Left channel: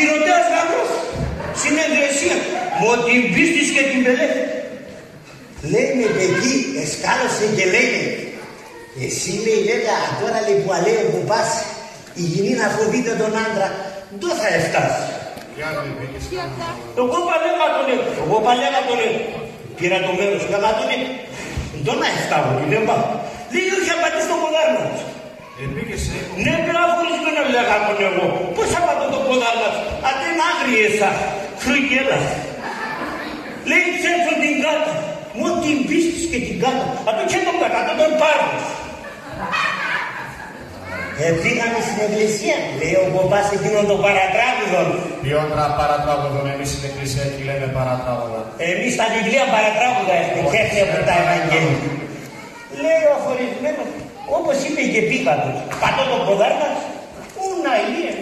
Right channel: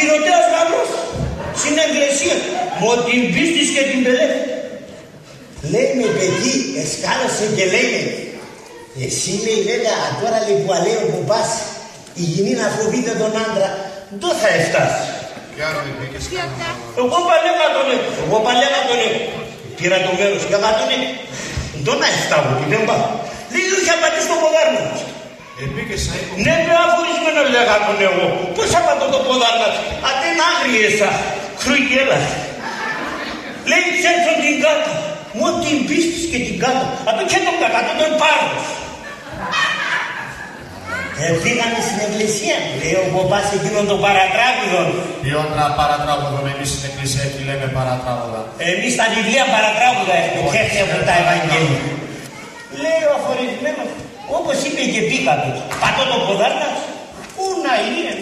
Χειροτέρας γαμπρός. Στην εκκλησία. Μου την πίστης και την πελέφη. Λέει με παιδί, εσκάλωσε και λέει εσύ λέει βέβαια τώρα λέει που αλέω που πας η γυνή να φοβείται τον άντρα δεν θα εφτάσει. Εγώ παλέγα τον λέω, πήρα το μέρος και αγα τον λέω, δεν να εφτάω, δεν πάω. Λέει όχι απαντήσει το ποδάρνα μας. Ναι, με αφορισμένο λέγα τον εγώ. Πώς απαντώ το ποδάρνα μας, αν είναι άγριεσα, χρουγγέλα. Λέει ξέρσον την κάτω, μου την πίστης και την κάτω, αυτό και τον κάτω, τον πάρω. Φύγαμε στην εκκλησία, λέει ο παπάς εκείνον τον παρατράγουδο. Ποιον παρατράγουδο, εμείς στην εκκλησία εκεί λέμε παρατράγουδα. Εμείς στα βιβλία παρατράγουδα έχουμε και έτσι από τα Ευαγγέλια. Λέει ο αφορισμένος, όπως είπε και πίκατος, πατώ το ποδάρνα, πού να είναι,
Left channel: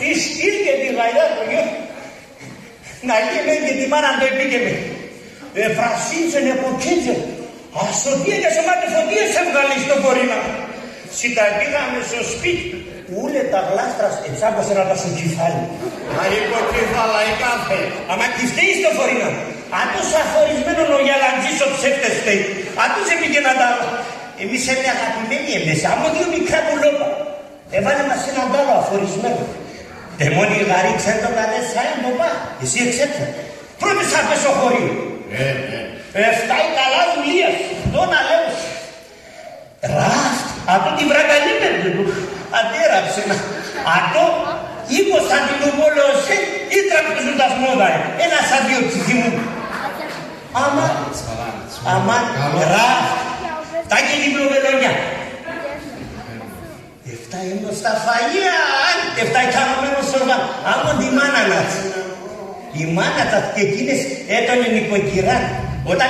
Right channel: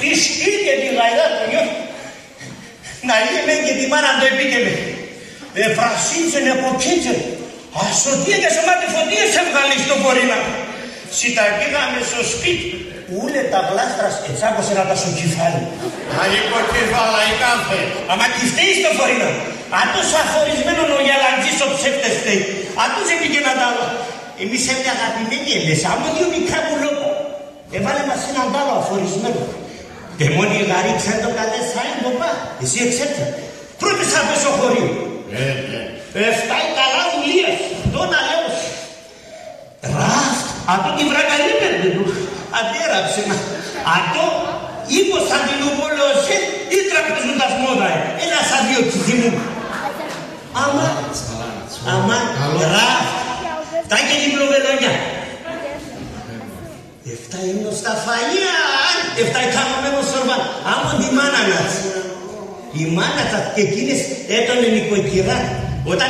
τη σκύλ και τη γαϊδά το νιώθει. Να είναι και τη μάνα το επίκαιμε. Εφρασίνσεν από κίτζερ, ασωτία και σε μάτι φωτία σε βγάλει στο πορείνα. Σιτα πήγαμε στο σπίτι, ούλε τα γλάστρας ετσάκωσε να τα σου κεφάλι. Μα υποκεφάλα η κάθε. Αμα κυφτέει στο φορείνα. Αν τους αφορισμένον ο γελαντζής ο ψεύτες φταίει. Αν τους έπηγε να τα άλλα. Εμείς είναι αγαπημένοι εμείς, άμα δύο μικρά πουλώτα. Έβαλε μας έναν τάλο αφορισμένο. Δεν μόνο η γαρή ξέρει το καλές σάιν το πά. Εσύ εξέτσα. Πρώτη σαν πέσω χωρίο. Εφτάει καλά δουλείας. Τον αλέως. Ρας. Αυτό τη βρακαλή πέντε του. Αντέραψε να. Αυτό είπος αντιλουμόλεωσε ή τραπεζούντας μόδα. Ένα σαν δύο ψηφιμούν. Αμάν. Ρας. Τα και λίγο βελονιά. Εφτά είναι στα φαγεία. Εφτά ικανωμένο σορβάν. Άμον τη μάνα μας. Η μάνα τα εκείνες έκανε νοικοκυρά. Όταν